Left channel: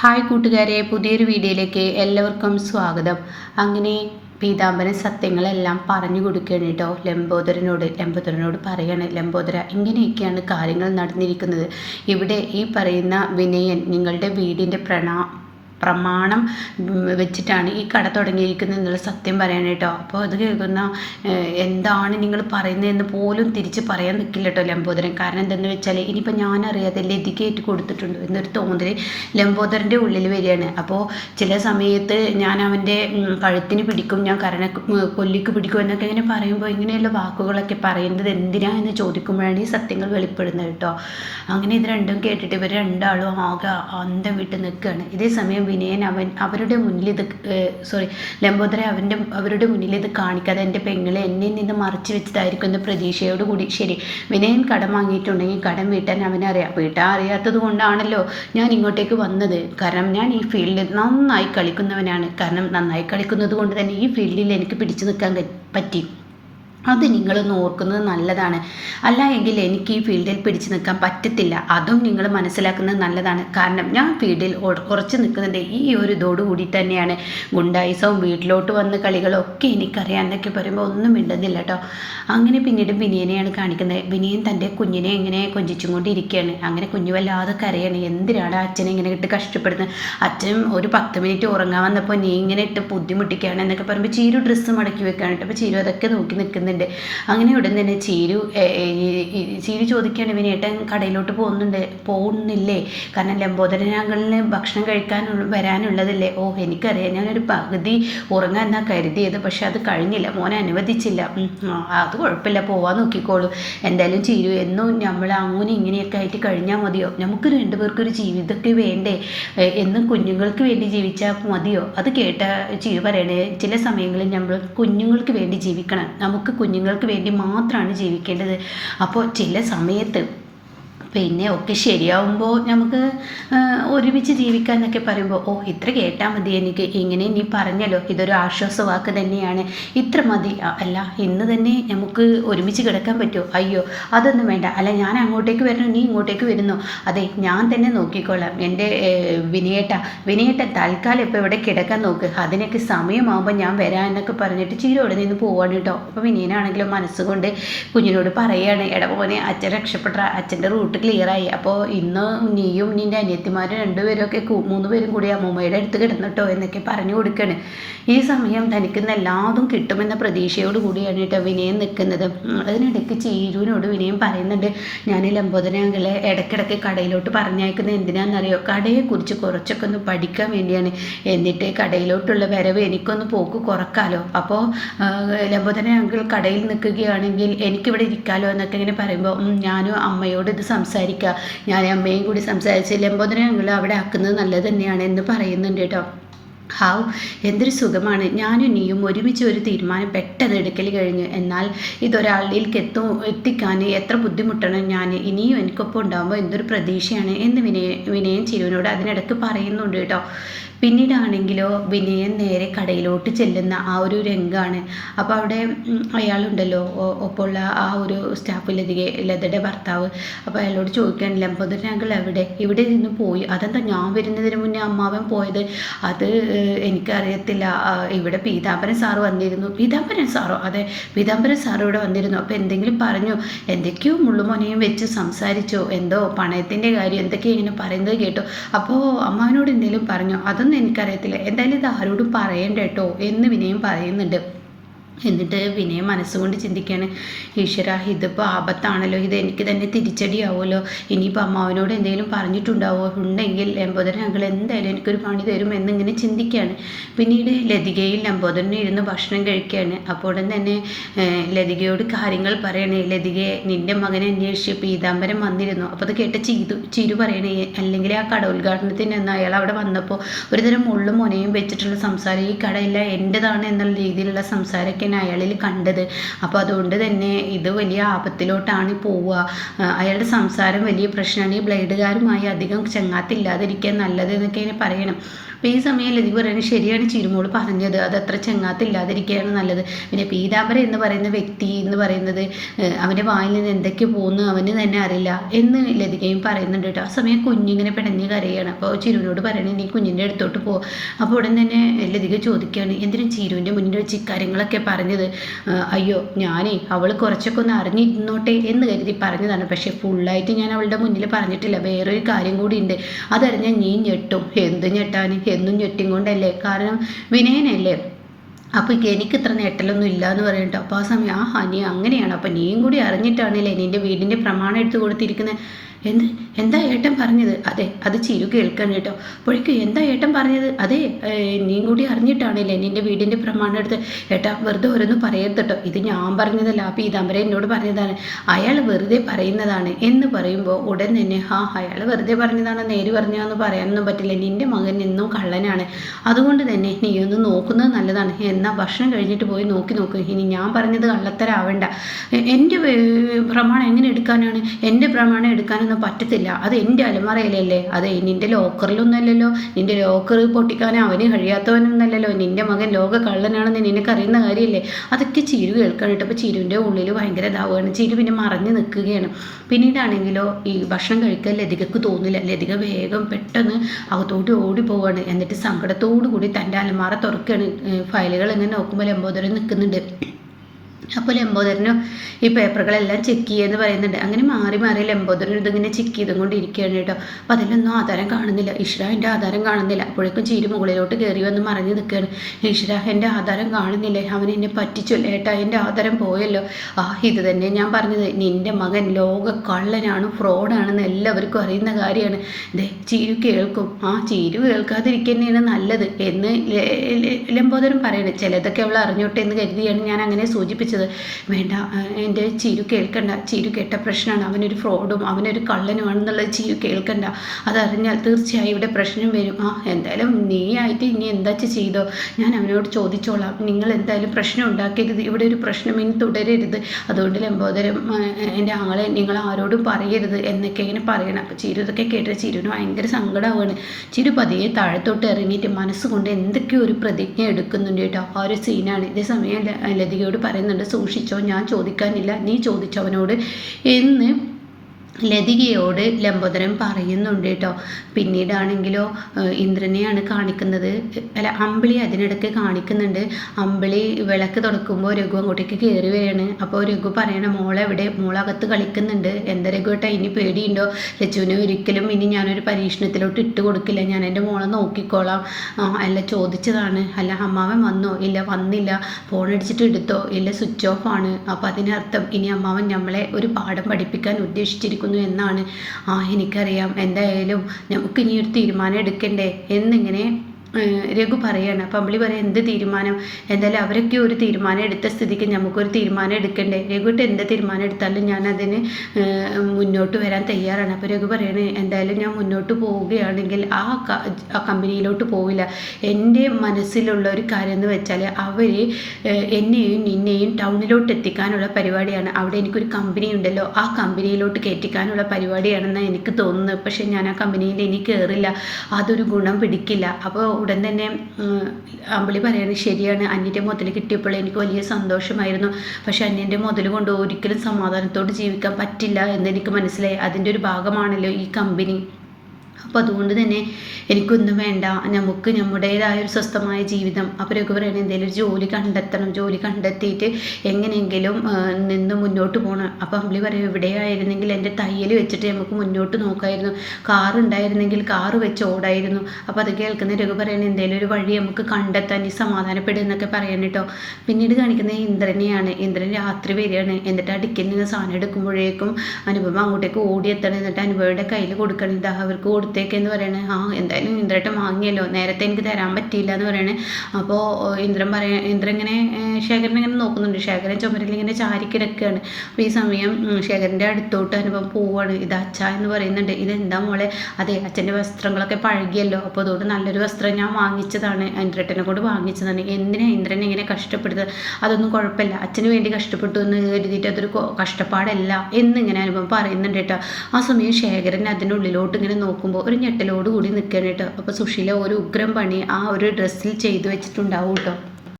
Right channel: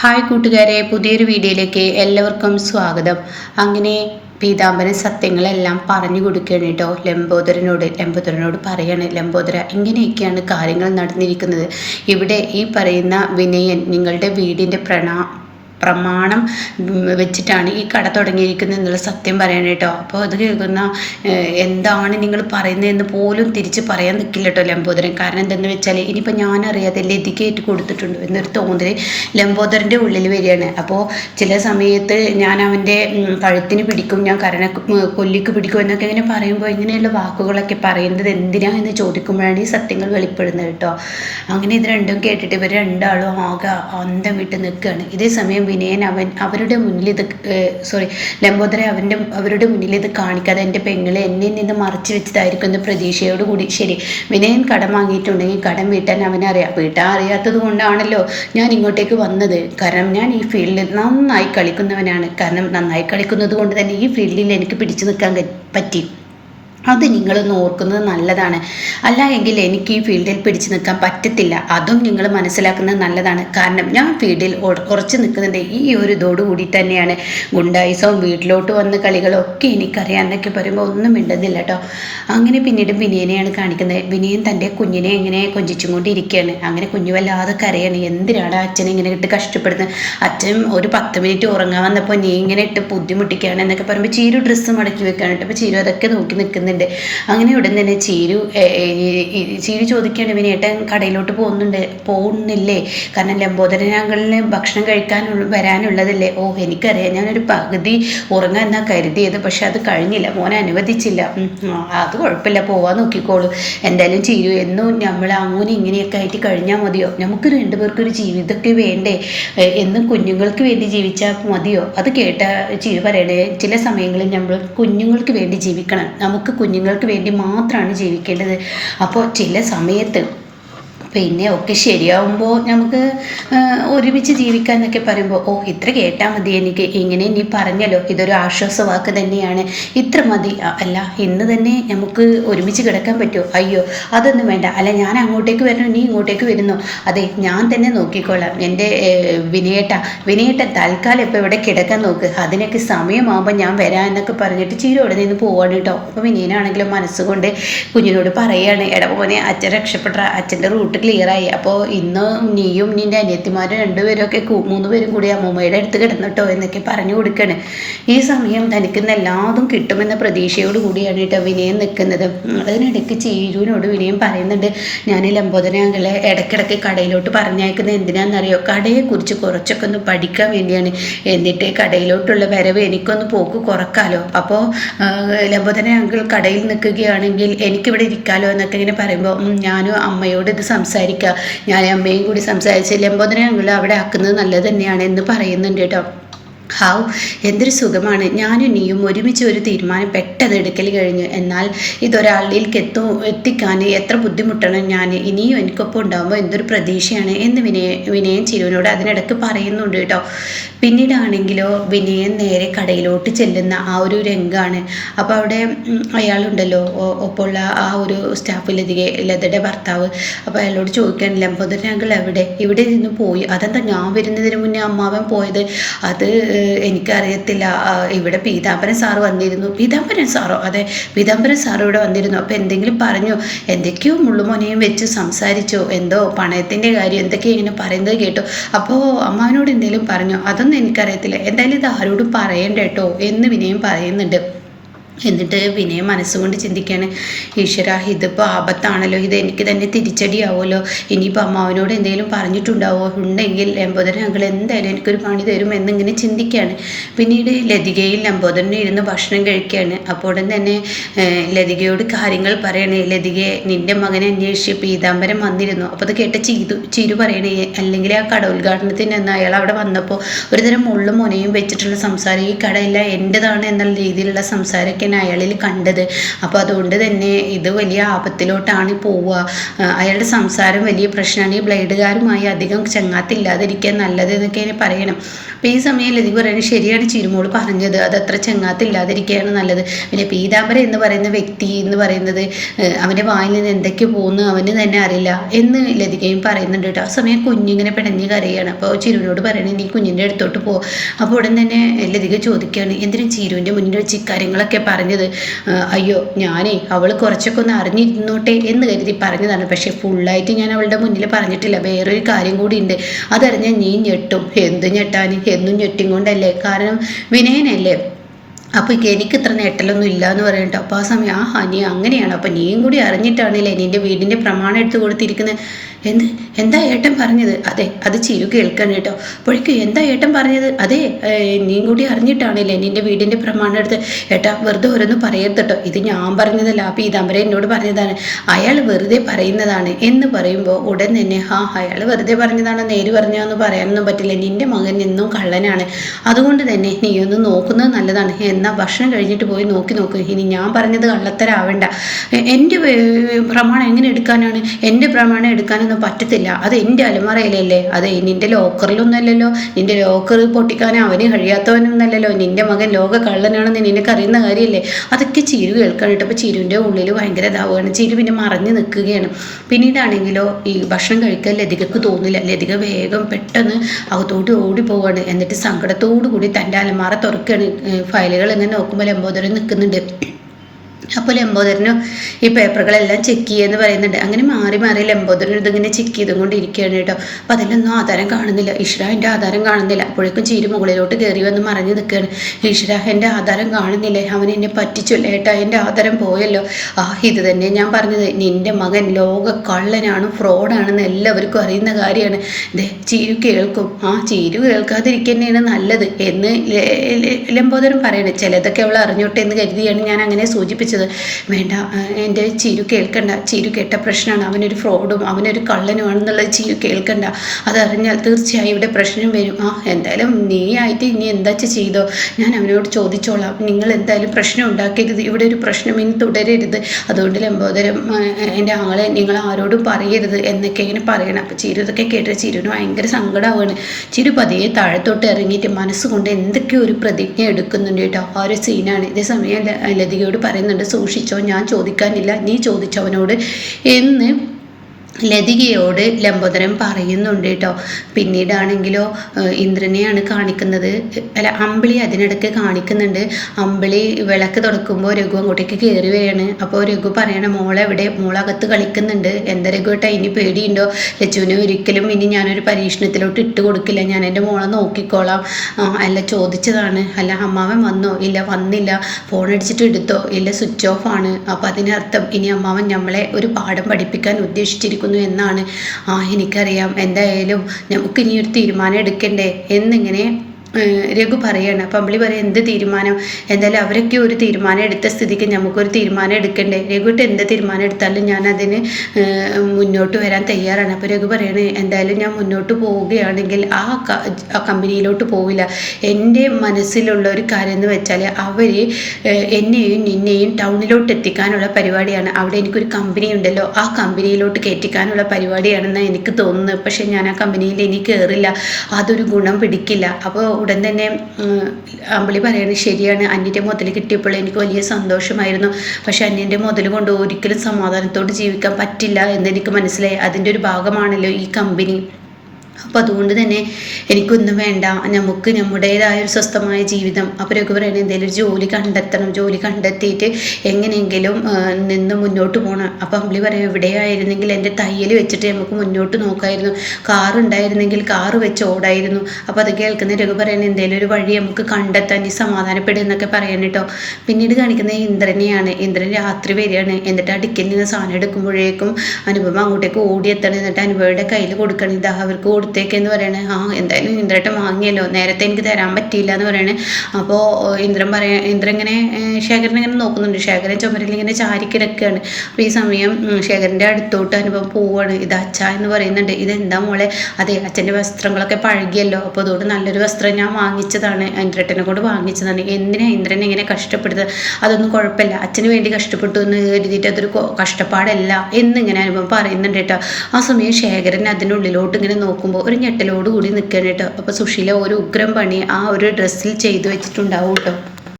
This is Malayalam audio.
ഹായ് കൂട്ടുകാരെ, പുതിയൊരു വീഡിയോയിലേക്ക് എല്ലാവർക്കും സ്വാഗതം. അങ്ങനെ പീതാംബരൻ സത്യങ്ങളെല്ലാം പറഞ്ഞു കൊടുക്കുകയാണ് കേട്ടോ ലംബോദരനോട് പറയാണ്, ലംബോദര ഇങ്ങനെയൊക്കെയാണ് കാര്യങ്ങൾ നടന്നിരിക്കുന്നത്. ഇവിടെ ഈ പറയുന്ന വിനയൻ നിങ്ങളുടെ വീടിൻ്റെ പ്രമാണം വെച്ചിട്ടാണ് ഈ കട തുടങ്ങിയിരിക്കുന്നത് എന്നുള്ള സത്യം പറയാൻ കേട്ടോ. അപ്പോൾ അത് കേൾക്കുന്ന എന്താണ് നിങ്ങൾ പറയുന്നതെന്ന് പോലും തിരിച്ച് പറയാൻ നിൽക്കില്ല കേട്ടോ ലംബോദരൻ. കാരണം എന്തെന്ന് വെച്ചാൽ ഇനിയിപ്പോൾ ഞാനറിയാതെ ലതികേറ്റ് കൊടുത്തിട്ടുണ്ട് എന്നൊരു തോന്നൽ ലംബോദരൻ്റെ ഉള്ളിൽ വരികയാണ്. അപ്പോൾ ചില സമയത്ത് ഞാൻ അവൻ്റെ കഴുത്തിന് പിടിക്കും, ഞാൻ കൊല്ലിക്ക് പിടിക്കും എന്നൊക്കെ ഇങ്ങനെ പറയുമ്പോൾ ഇങ്ങനെയുള്ള വാക്കുകളൊക്കെ പറയുന്നത് എന്തിനാ എന്ന് ചോദിക്കുമ്പോഴാണ് ഈ സത്യങ്ങൾ വെളിപ്പെടുന്നത് കേട്ടോ. അങ്ങനെ ഇത് രണ്ടും കേട്ടിട്ട് ഇവർ രണ്ടാളും ആകെ അന്തം വിട്ട് നിൽക്കുകയാണ്. ഇതേ സമയം വിനയൻ അവരുടെ മുന്നിൽ ഇത് ലംബോദര അവരുടെ മുന്നിൽ ഇത് കാണിക്കാതെ എൻ്റെ പെങ്ങളെ എന്നിൽ നിന്ന് മറച്ചു വെച്ചതായിരിക്കും എന്ന പ്രതീക്ഷയോടുകൂടി, ശരി വിനയൻ കടം വാങ്ങിയിട്ടുണ്ടെങ്കിൽ കടം വീട്ടാൻ വീട്ടാൻ അറിയാത്തത് കൊണ്ടാണല്ലോ ഞാൻ ഇങ്ങോട്ടേക്ക് വന്നത്. കാരണം ഞാൻ ഈ ഫീൽഡിൽ നന്നായി കളിക്കുന്നവനാണ്. കാരണം നന്നായി കളിക്കുന്നത് കൊണ്ട് തന്നെ ഈ ഫീൽഡിൽ എനിക്ക് പിടിച്ചു നിൽക്കാൻ പറ്റി. അത് നിങ്ങളൊന്ന് ഓർക്കുന്നത് നല്ലതാണ്. അല്ല എങ്കിൽ എനിക്ക് ഈ ഫീൽഡിൽ പിടിച്ചു നിൽക്കാൻ പറ്റത്തില്ല. അതും നിങ്ങൾ മനസ്സിലാക്കുന്നത് നല്ലതാണ്. കാരണം ഞാൻ ഫീൽഡിൽ ഉറച്ചു നിൽക്കുന്നത് ഈ ഒരു ഇതോടുകൂടി തന്നെയാണ്. ഗുണ്ടായിസവും വീട്ടിലോട്ട് വന്ന കളികളൊക്കെ എനിക്കറിയാം എന്നൊക്കെ പറയുമ്പോൾ ഒന്നും മിണ്ടുന്നില്ല കേട്ടോ. അങ്ങനെ പിന്നീട് വിനയനെയാണ് കാണിക്കുന്നത്. വിനയൻ തൻ്റെ കുഞ്ഞിനെ ഇങ്ങനെ കൊഞ്ചിച്ചും കൊണ്ടിരിക്കുകയാണ്. അങ്ങനെ കുഞ്ഞു വല്ലാതെ കരയാണ്. എന്തിനാണ് അച്ഛനെ ഇങ്ങനെ ഇട്ട് കഷ്ടപ്പെടുന്നത്? അച്ഛൻ ഒരു 10 മിനിറ്റ് ഉറങ്ങാൻ വന്നപ്പോൾ നീ ഇങ്ങനെ ഇട്ട് ബുദ്ധിമുട്ടിക്കുകയാണ് എന്നൊക്കെ പറയുമ്പോൾ ചീരു ഡ്രസ്സ് മടക്കി വെക്കുകയാണ് കേട്ടോ. അപ്പോൾ ചീരു അതൊക്കെ നോക്കി നിൽക്കുന്നുണ്ട്. അങ്ങനെ ഉടൻ തന്നെ ചീരു ചോദിക്കുകയാണ്, വിനയേട്ടൻ കടയിലോട്ട് പോകുന്നില്ലേ? കാരണം ലംബോദരനാങ്കളിന് ഭക്ഷണം വരാനുള്ളതല്ലേ? ഓ എനിക്കറിയാം, ഞാനൊരു പകുതി ഉറങ്ങാൻ എന്നാ കരുതിയത്, പക്ഷെ അത് കഴിഞ്ഞില്ല, മോനെ അനുവദിച്ചില്ല. അത് കുഴപ്പമില്ല, പോവാൻ നോക്കിക്കോളൂ. എന്തായാലും ചീരു എന്നും നമ്മൾ അങ്ങനെ ഇങ്ങനെയൊക്കെ ആയിട്ട് കഴിഞ്ഞാൽ മതിയോ? നമുക്ക് രണ്ടുപേർക്കൊരു ജീവിതമൊക്കെ വേണ്ടേ? എന്നും കുഞ്ഞുങ്ങൾക്ക് വേണ്ടി ജീവിച്ചാൽ മതിയോ? അത് കേട്ട ചീരു പറയണേ, ചില സമയങ്ങളിൽ നമ്മൾ കുഞ്ഞുങ്ങൾക്ക് വേണ്ടി ജീവിക്കണം. നമുക്ക് കുഞ്ഞുങ്ങൾക്ക് വേണ്ടി മാത്രമാണ് ജീവിക്കേണ്ടത്. അപ്പോൾ ചില സമയത്ത് പിന്നെ ഒക്കെ ശരിയാവുമ്പോൾ നമുക്ക് ഒരുമിച്ച് ജീവിക്കാമെന്നൊക്കെ പറയുമ്പോൾ, ഓ ഇത്ര കേട്ടാൽ മതി എനിക്ക്, ഇങ്ങനെ നീ പറഞ്ഞല്ലോ, ഇതൊരു ആശ്വാസവാക്ക് തന്നെയാണ്, ഇത്ര മതി. അല്ല ഇന്ന് തന്നെ നമുക്ക് ഒരുമിച്ച് കിടക്കാൻ പറ്റുമോ? അയ്യോ അതൊന്നും വേണ്ട. അല്ല ഞാൻ അങ്ങോട്ടേക്ക് വരണം, നീ ഇങ്ങോട്ടേക്ക് വരുന്നു? അതെ ഞാൻ തന്നെ നോക്കിക്കോളാം. എൻ്റെ വിനയേട്ടൻ തൽക്കാലം ഇപ്പോൾ ഇവിടെ കിടക്കാൻ നോക്ക്, അതിനൊക്കെ സമയമാകുമ്പോൾ ഞാൻ വരാം എന്നൊക്കെ പറഞ്ഞിട്ട് ചീരോടെ നിന്ന് പോവാണ് കേട്ടോ. അപ്പോൾ വിനയനാണെങ്കിലും മനസ്സുകൊണ്ട് കുഞ്ഞിനോട് പറയുകയാണ്, എടപ്പോനെ അച്ഛൻ രക്ഷപ്പെട്ട, അച്ഛൻ്റെ റൂട്ട് ക്ലിയറായി. അപ്പോൾ ഇന്ന് നീയും നിൻ്റെ അനിയത്തിമാരും 2 പേരൊക്കെ 3 പേരും കൂടി അമ്മൂമ്മയുടെ അടുത്ത് കിടന്നിട്ടോ എന്നൊക്കെ പറഞ്ഞു കൊടുക്കുകയാണ്. ഈ സമയം തനിക്കുന്ന എല്ലാതും കിട്ടുമെന്ന പ്രതീക്ഷയോട് കൂടിയാണ് കേട്ടോ വിനയം നിൽക്കുന്നത്. അതിനിടയ്ക്ക് ചീരുവിനോട് വിനയം പറയുന്നുണ്ട്, ഞാൻ ലംബോദരങ്ങളെ ഇടയ്ക്കിടയ്ക്ക് കടയിലോട്ട് പറഞ്ഞയക്കുന്നത് എന്തിനാണെന്നറിയോ? കടയെക്കുറിച്ച് കുറച്ചൊക്കെ ഒന്ന് പഠിക്കാൻ വേണ്ടിയാണ്. എന്നിട്ട് കടയിലോട്ടുള്ള വരവ് എനിക്കൊന്ന് പോക്ക് കുറക്കാലോ. അപ്പോൾ ലംബോദരങ്ങൾ കടയിൽ നിൽക്കുകയാണെങ്കിൽ എനിക്കിവിടെ ഇരിക്കാലോ എന്നൊക്കെ ഇങ്ങനെ പറയുമ്പോൾ, ഞാനും അമ്മയോട് ഇത് സംസാരിക്കുക, ഞാൻ അമ്മയും കൂടി സംസാരിച്ച് ലംബോദരങ്ങൾ അവിടെ ആക്കുന്നത് നല്ലത് തന്നെയാണ് എന്ന് പറയുന്നുണ്ട് കേട്ടോ. ഹാവ് എന്തൊരു സുഖമാണ്, ഞാനും നീയും ഒരുമിച്ച് ഒരു തീരുമാനം പെട്ടെന്ന് എടുക്കൽ കഴിഞ്ഞു. എന്നാൽ ഇതൊരാളിലേക്ക് എത്തിക്കാൻ എത്ര ബുദ്ധിമുട്ടണം ഞാൻ, ഇനിയും എനിക്കൊപ്പം ഉണ്ടാകുമ്പോൾ എന്തൊരു പ്രതീക്ഷയാണ് എന്ന് വിനയൻ ചിരുവിനോട് അതിനിടയ്ക്ക് പറയുന്നുണ്ട് കേട്ടോ. പിന്നീടാണെങ്കിലോ വിനയൻ നേരെ കടയിലോട്ട് ചെല്ലുന്ന ആ ഒരു രംഗമാണ്. അപ്പോൾ അവിടെ അയാളുണ്ടല്ലോ ഒപ്പമുള്ള ആ ഒരു സ്റ്റാഫ് ലതയുടെ ഭർത്താവ്. അപ്പോൾ അയാളോട് ചോദിക്കാൻ, ലംബോദരനാങ്കൾ ഇവിടെ നിന്ന് പോയി? അതെന്താ ഞാൻ വരുന്നതിന് മുന്നേ അമ്മാവൻ പോയത്? അത് എനിക്കറിയത്തില്ല, ഇവിടെ പീതാംബരൻ സാറ് വന്നിരുന്നു. പീതാംബരൻ സാറോ? അതെ പീതാംബരൻ സാറ് ഇവിടെ വന്നിരുന്നു. അപ്പോൾ എന്തെങ്കിലും പറഞ്ഞോ? എന്തൊക്കെയോ മുള്ളുമൊനയും വെച്ച് സംസാരിച്ചോ? എന്തോ പണയത്തിൻ്റെ കാര്യം എന്തൊക്കെയോ ഇങ്ങനെ പറയുന്നത് കേട്ടോ. അപ്പോൾ അമ്മാവനോട് എന്തെങ്കിലും പറഞ്ഞോ? അതൊന്നും എനിക്കറിയത്തില്ല, എന്തായാലും ഇത് ആരോടും പറയണ്ട കേട്ടോ എന്ന് വിനയം പറയുന്നുണ്ട്. എന്നിട്ട് വിനയം മനസ്സുകൊണ്ട് ചിന്തിക്കുകയാണ്, ഈശ്വര ഇതിപ്പോൾ ആപത്താണല്ലോ, ഇത് എനിക്ക് തന്നെ തിരിച്ചടിയാവുമല്ലോ. ഇനിയിപ്പോൾ അമ്മാവനോട് എന്തെങ്കിലും ഉണ്ടെങ്കിൽ ലംബോദരൻ അങ്കിൾ എന്തായാലും എനിക്കൊരു പണി തരും എന്നിങ്ങനെ ചിന്തിക്കുകയാണ്. പിന്നീട് ലതികയിൽ ലംബോദരൻ ഇരുന്ന് ഭക്ഷണം കഴിക്കുകയാണ്. അപ്പോൾ ഉടൻ തന്നെ ലതികയോട് കാര്യങ്ങൾ പറയണേ, ലതികയെ നിൻ്റെ മകനെ അന്വേഷിച്ച് പീതാംബരം വന്നിരുന്നു. അപ്പോൾ അത് കേട്ട ചിരു പറയണേ, അല്ലെങ്കിൽ ആ കട ഉദ്ഘാടനത്തിന് എന്ന് അയാൾ അവിടെ വന്നപ്പോൾ ഒരുതരം മുള്ളും മുനയും വെച്ചിട്ടുള്ള സംസാരം, ഈ കടയെല്ലാം എൻ്റെതാണ് എന്നുള്ള രീതിയിലുള്ള സംസാരമൊക്കെ എന്നൊക്കെയാണ് അയാളിൽ കണ്ടത്. അപ്പോൾ അതുകൊണ്ട് തന്നെ ഇത് വലിയ ആപത്തിലോട്ടാണ് പോവുക. അയാളുടെ സംസാരം വലിയ പ്രശ്നമാണ്. ഈ ബ്ലേഡുകാരുമായി അധികം ചങ്ങാത്തില്ലാതിരിക്കാൻ നല്ലത് എന്നൊക്കെയാണ് പറയണം. അപ്പോൾ ഈ സമയം ലതിക പറയുന്നത് ശരിയാണ് ചിരുമോള് പറഞ്ഞത്, അതത്ര ചങ്ങാത്തില്ലാതിരിക്കുകയാണ് നല്ലത്. പിന്നെ പീതാംബരൻ എന്ന് പറയുന്ന വ്യക്തി എന്ന് പറയുന്നത് അവൻ്റെ വായിൽ നിന്ന് എന്തൊക്കെ പോകുന്നു അവന് തന്നെ അറിയില്ല എന്ന് ലതികയും പറയുന്നുണ്ട് കേട്ടോ. ആ സമയം കുഞ്ഞിങ്ങനെ പിടഞ്ഞ് കരയാണ്. അപ്പോൾ ചിരുവിനോട് പറയണേ നീ കുഞ്ഞിൻ്റെ അടുത്തോട്ട് പോ. അപ്പോൾ ഉടൻ തന്നെ ലതിക ചോദിക്കുകയാണ് എന്തിനും ചിരുവിൻ്റെ മുന്നിൽ വെച്ച് ഇക്കാര്യങ്ങളൊക്കെ പറഞ്ഞത്? അയ്യോ ഞാനേ അവൾ കുറച്ചൊക്കെ ഒന്ന് അറിഞ്ഞിരുന്നോട്ടെ എന്ന് കരുതി പറഞ്ഞതാണ്. പക്ഷേ ഫുള്ളായിട്ട് ഞാൻ അവളുടെ മുന്നിൽ പറഞ്ഞിട്ടില്ല. വേറൊരു കാര്യം കൂടി ഉണ്ട്, അതറിഞ്ഞാൽ നീ ഞെട്ടും. എന്ത് ഞെട്ടാൻ? എന്നും ഞെട്ടിയും കൊണ്ടല്ലേ, കാരണം വിനയനല്ലേ. അപ്പോൾ എനിക്ക് ഇത്ര നേട്ടലൊന്നും ഇല്ല എന്ന് പറയട്ടോ. അപ്പോൾ ആ സമയം നീ അങ്ങനെയാണ്, അപ്പം നീയും കൂടി അറിഞ്ഞിട്ടാണല്ലേ നിൻ്റെ വീടിൻ്റെ പ്രമാണം എടുത്ത് കൊടുത്തിരിക്കുന്നത്. എന്താ ഏട്ടൻ പറഞ്ഞത്? അതെ അത് ചിരു കേൾക്കണം കേട്ടോ. അപ്പോഴേക്കും എന്താ ഏട്ടൻ പറഞ്ഞത്? അതെ നീയും കൂടി അറിഞ്ഞിട്ടാണല്ലേ നിൻ്റെ വീടിൻ്റെ പ്രമാണം എടുത്ത്. ഏട്ടാ വെറുതെ ഓരോന്ന് പറയരുത് കേട്ടോ, ഇത് ഞാൻ പറഞ്ഞതല്ല, ആ പീതാംബരൻ എന്നോട് പറഞ്ഞതാണ്, അയാൾ വെറുതെ പറയുന്നതാണ് എന്ന് പറയുമ്പോൾ ഉടൻ തന്നെ അയാൾ വെറുതെ പറഞ്ഞതാണ്, നേര് പറഞ്ഞാന്ന് പറയാനൊന്നും പറ്റില്ല, നിൻ്റെ മകൻ എന്നും കള്ളനാണ്, അതുകൊണ്ട് തന്നെ നീ ഒന്ന് നോക്കുന്നത് നല്ലതാണ്. എന്നാൽ ഭക്ഷണം കഴിഞ്ഞിട്ട് പോയി നോക്ക്. ഇനി ഞാൻ പറഞ്ഞത് കള്ളത്തരാവണ്ട. എൻ്റെ പ്രമാണം എങ്ങനെ എടുക്കാനാണ്? എൻ്റെ പ്രമാണം എടുക്കാനൊന്നും പറ്റത്തില്ല, അത് എൻ്റെ അലമാറയിലല്ലേ. അതെ നിൻ്റെ ലോക്കറിലൊന്നുമല്ലല്ലോ, നിൻ്റെ ലോക്കർ പൊട്ടിക്കാൻ അവന് കഴിയാത്തവനൊന്നല്ലല്ലോ, നിൻ്റെ മകൻ ലോക കള്ളനാണെന്ന് നിനക്കറിയുന്ന കാര്യമല്ലേ. അതൊക്കെ ചിരു കേൾക്കാനിട്ട്. അപ്പോൾ ചിരുവിൻ്റെ ഉള്ളിൽ ഭയങ്കര ഇതാവുകയാണ്. ചിരു പിന്നെ മറഞ്ഞു നിൽക്കുകയാണ്. പിന്നീടാണെങ്കിലോ ഈ ഭക്ഷണം കഴിക്കാൻ ലതികക്ക് തോന്നില്ല. ലതിക വേഗം പെട്ടെന്ന് അകത്തോട്ട് ഓടിപ്പോവാണ്. എന്നിട്ട് സങ്കടത്തോടു കൂടി തൻ്റെ അലമാറ തുറക്കുകയാണ്. ഫയലുകൾ എങ്ങനെ നോക്കുമ്പോൾ ലംബോദരൻ നിൽക്കുന്നുണ്ട്. അപ്പോൾ ലംബോദരന് ഈ പേപ്പറുകളെല്ലാം ചെക്ക് ചെയ്യുമെന്ന് പറയുന്നുണ്ട്. അങ്ങനെ മാറി ലംബോദരൻ ഇതിങ്ങനെ ചെക്ക് ചെയ്തുകൊണ്ടിരിക്കുകയാണ് കേട്ടോ. അപ്പോൾ അതിലൊന്നും ആധാരം കാണുന്നില്ല. ഈശ്വര എൻ്റെ ആധാരം കാണുന്നില്ല. അപ്പോഴേക്കും ചിരു മുകളിലോട്ട് കയറി വന്ന് മറഞ്ഞു നിൽക്കുകയാണ്. ഈശ്വര എൻ്റെ ആധാരം കാണുന്നില്ലേ, അവൻ എന്നെ പറ്റിച്ചല്ലേ ഏട്ടാ, എൻ്റെ ആധാരം പോയല്ലോ. ഇത് തന്നെ ഞാൻ പറഞ്ഞത്, നിൻ്റെ മകൻ ലോക കള്ളനാണ്, ഫ്രോഡാണെന്ന് എല്ലാവർക്കും അറിയുന്ന കാര്യമാണ്. ചിരു കേൾക്കും. ചിരു കേൾക്കാതിരിക്കുന്നതാണ് നല്ലത് എന്ന് ലംബോദരൻ പറയണേ. ചിലതൊക്കെ അവൾ അറിഞ്ഞോട്ടെ എന്ന് കരുതിയാണ് ഞാൻ അങ്ങനെ സൂചിപ്പിച്ചത്. വേണ്ട, എൻ്റെ ചിരു കേൾക്കണ്ട. ചിരു കേട്ട പ്രശ്നമാണ്, അവനൊരു ഫ്രോഡും അവനൊരു കള്ളനുമാണെന്നുള്ളത് ചിരു കേൾക്കണ്ട. അതറിഞ്ഞാൽ തീർച്ചയായും ഇവിടെ പ്രശ്നം വരും. എന്തായാലും നീ ആയിട്ട് ഇനി എന്താ ചെയ്തോ, ഞാൻ അവനോട് ചോദിച്ചോളാം. നിങ്ങൾ എന്തായാലും പ്രശ്നം ഉണ്ടാക്കരുത്, ഇവിടെ ഒരു പ്രശ്നം ഇനി തുടരരുത്. അതുകൊണ്ട് ലംബോദരം എൻ്റെ ആങ്ങളെ നിങ്ങൾ ആരോടും പറയരുത് എന്നൊക്കെ ഇങ്ങനെ പറയണം. അപ്പോൾ ചിരു ഇതൊക്കെ കേട്ട് ചിരുവിന് ഭയങ്കര സങ്കടമാവാണ്. ചിരു പതിയെ താഴത്തോട്ട് ഇറങ്ങിയിട്ട് മനസ്സുകൊണ്ട് എന്തൊക്കെയോ ഒരു പ്രതിജ്ഞ എടുക്കുന്നുണ്ട് കേട്ടോ. ആ ഒരു സീനാണ്. ഇതേ സമയം ലതികയോട് പറയുന്നുണ്ട് സൂക്ഷിച്ചോ, ഞാൻ ചോദിക്കാനില്ല, നീ ചോദിച്ചവനോട് എന്ന് ലതികയോട് ലംബോദരൻ പറയുന്നുണ്ട് കേട്ടോ. പിന്നീടാണെങ്കിലോ ഇന്ദ്രനെയാണ് കാണിക്കുന്നത്. അമ്പിളി അതിനിടയ്ക്ക് കാണിക്കുന്നുണ്ട്. അമ്പിളി വിളക്ക് തുടക്കുമ്പോൾ രഘു അങ്ങോട്ടേക്ക് കയറി വരികയാണ്. അപ്പോൾ രഘു പറയണം മോളെവിടെ? മോളകത്ത് കളിക്കുന്നുണ്ട്. എന്താ രഘു ഏട്ടാ ഇനി പേടിയുണ്ടോ? ലച്ചുവിനെ ഒരിക്കലും ഇനി ഞാനൊരു പരീക്ഷണത്തിലോട്ട് ഇട്ട് കൊടുക്കില്ല, ഞാൻ എൻ്റെ മോളെ നോക്കിക്കോളാം. അല്ല ചോദിച്ചതാണ്. അല്ല അമ്മാവൻ വന്നോ? ഇല്ല വന്നില്ല. ഫോൺ അടിച്ചിട്ട് എടുത്തോ? ഇല്ല സ്വിച്ച് ഓഫ് ആണ്. അപ്പോൾ അതിനർത്ഥം ഇനി അമ്മാവൻ നമ്മളെ ഒരു പാഠം പഠിപ്പിക്കാൻ ഉദ്ദേശിച്ചിരിക്കുന്നു എന്നാണ്. എനിക്കറിയാം, എന്തായാലും നമുക്കിനി ഒരു തീരുമാനം എടുക്കണ്ടേ എന്നിങ്ങനെ രഘു പറയാണ്. അപ്പം അമ്പിളി പറയാം എന്ത് തീരുമാനം? എന്തായാലും അവരൊക്കെ ഒരു തീരുമാനം എടുത്ത സ്ഥിതിക്ക് നമുക്കൊരു തീരുമാനം എടുക്കണ്ടേ? രഘുട്ട് എന്ത് തീരുമാനം എടുത്താലും ഞാൻ അതിന് മുന്നോട്ട് വരാൻ തയ്യാറാണ്. അപ്പോൾ രഘു പറയാണ് എന്തായാലും ഞാൻ മുന്നോട്ട് പോവുകയാണെങ്കിൽ ആ കമ്പനിയിലോട്ട് പോവില്ല. എൻ്റെ മനസ്സിലുള്ള ഒരു കാര്യം എന്ന് വെച്ചാൽ അവർ എന്നെയും നിന്നെയും ടൗണിലോട്ട് എത്തിക്കാനുള്ള പരിപാടിയാണ്. അവിടെ എനിക്കൊരു കമ്പനി ഉണ്ടല്ലോ, ആ കമ്പനിയിലോട്ട് കയറ്റിക്കാനുള്ള പരിപാടിയാണെന്ന് എനിക്ക് തോന്നുന്നത്. പക്ഷേ ഞാൻ ആ കമ്പനിയിൽ ഇനി കയറില്ല, അതൊരു ഗുണം പിടിക്കില്ല. അപ്പോൾ ഉടൻ തന്നെ അമ്പിളി പറയുന്നത് ശരിയാണ്, അന്യൻ്റെ മുതൽ കിട്ടിയപ്പോൾ എനിക്ക് വലിയ സന്തോഷമായിരുന്നു. പക്ഷെ അന്യൻ്റെ മുതൽ കൊണ്ട് ഒരിക്കലും സമാധാനത്തോട് ജീവിക്കാൻ പറ്റില്ല എന്നെനിക്ക് മനസ്സിലായി. അതിൻ്റെ ഒരു ഭാഗമാണല്ലോ ഈ കമ്പനി. അപ്പോൾ അതുകൊണ്ട് തന്നെ എനിക്കൊന്നും വേണ്ട, നമുക്ക് നമ്മുടേതായ ഒരു സ്വസ്ഥമായ ജീവിതം. അവരൊക്കെ പറയുന്നത് എന്തെങ്കിലും ഒരു ജോലി കണ്ടെത്തണം, ജോലി കണ്ടെത്തിയിട്ട് എങ്ങനെയെങ്കിലും നിന്ന് മുന്നോട്ട് പോകണം. അപ്പോൾ അമ്പിളി പറയും എവിടെയായിരുന്നെങ്കിൽ എൻ്റെ തയ്യൽ വെച്ചിട്ട് നമുക്ക് മുന്നോട്ട് നോക്കായിരുന്നു, കാറുണ്ടായിരുന്നെങ്കിൽ കാറ് വെച്ച് ഓടായിരുന്നു. അപ്പോൾ അത് കേൾക്കുന്ന രഘു പറയുന്നത് എന്തെങ്കിലും ഒരു വഴി നമുക്ക് കണ്ടെത്താൻ ഈ സമാധാനപ്പെടും എന്നൊക്കെ പറയാൻ കേട്ടോ. പിന്നീട് കാണിക്കുന്നത് ഇന്ദ്രനെയാണ്. ഇന്ദ്രൻ രാത്രി വരികയാണ്. എന്നിട്ട് ആ ഡിക്കിൽ നിന്ന് സാധനം എടുക്കുമ്പോഴേക്കും അനുപമ അങ്ങോട്ടേക്ക് ഓടിയെത്തണം. എന്നിട്ട് അനുപമയുടെ കയ്യിൽ കൊടുക്കണം. ഇത് അവർക്ക് കൊടുത്തേക്കെന്ന് പറയണേ. എന്തായാലും ഇന്ദ്രേട്ടൻ വാങ്ങിയല്ലോ, നേരത്തെ എനിക്ക് തരാൻ പറ്റിയില്ല എന്ന് പറയണേ. അപ്പോൾ ഇന്ദ്രൻ ഇങ്ങനെ ശേഖരനെ ഇങ്ങനെ നോക്കുന്നുണ്ട്. ശേഖരൻ ചുമരിൽ ഇങ്ങനെ ചാരിക്കിടക്കുകയാണ്. അപ്പോൾ ഈ സമയം ശേഖരൻ്റെ അടുത്തോട്ട് അനുഭവം പോവാണ്. ഇത് അച്ഛ എന്ന് പറയുന്നുണ്ട്. ഇതെന്താ മോളെ? അതെ, അച്ഛൻ്റെ വസ്ത്രങ്ങളൊക്കെ പഴകിയല്ലോ, അപ്പോൾ അതുകൊണ്ട് നല്ലൊരു വസ്ത്രം ഞാൻ വാങ്ങിച്ചതാണ്, ഇന്ദ്രേട്ടനെ കൊണ്ട് വാങ്ങിച്ചതാണ്. എന്തിനാ ഇന്ദ്രനെ ഇങ്ങനെ കഷ്ടപ്പെടുന്നത്? അതൊന്നും കുഴപ്പമില്ല, അച്ഛന് വേണ്ടി കഷ്ടപ്പെട്ടു എന്ന് കരുതിയിട്ട് അതൊരു കഷ്ടപ്പാടല്ല എന്നിങ്ങനെ അനുഭവം പറയുന്നുണ്ട് കേട്ടോ. ആ സമയം ശേഖരൻ അതിനുള്ളിലോട്ട് ഇങ്ങനെ നോക്കുമ്പോൾ ഒരു ഞെട്ടലോട് കൂടി നിൽക്കണം കേട്ടോ. അപ്പോൾ സുശീല ഒരു ഉഗ്രം പണി ആ ഒരു ഡ്രസ്സിൽ ചെയ്തു വെച്ചിട്ടുണ്ടാവും കേട്ടോ.